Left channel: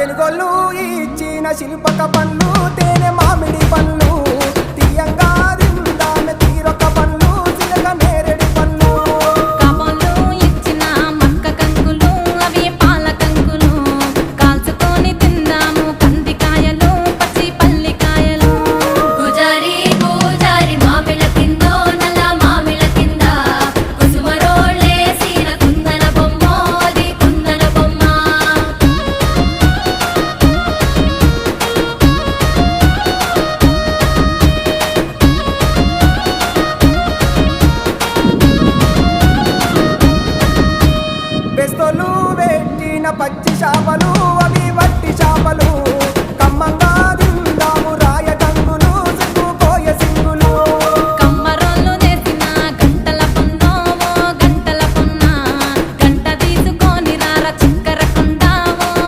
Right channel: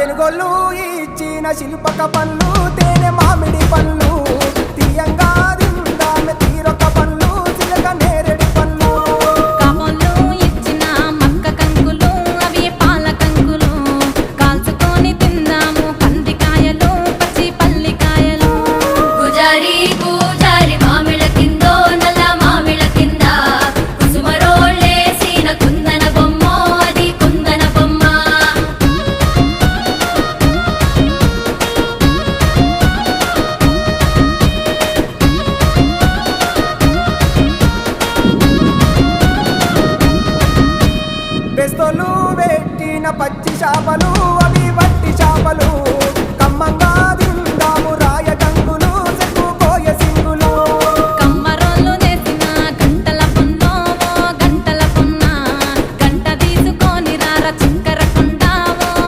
తెలుగోళ్ళు ఇచ్చిన శిల్పక పండ్లు తేనె మామిడి పండ్లు తీయంగా దిందామె తీరొక పండ్లు చిలక నేరేడు పండ్లు కాబోళ్ళు ఇచ్చిన మక్క కంకులు అవి పాల కంకులు కాల్చుకొని తిందాము కందికాయలు పచ్చి పల్లికాయలు గుజారి గుజారి మామిళ్ళ కిందో నల్ల మామిళ్ళ కింద కుసుమరోళ్ళేసిన కుందన బొమ్మ అది కుందన బొమ్మ బెస్తోలు పెట్టిన పచ్చి చేపలు అవి వట్టి చేపలు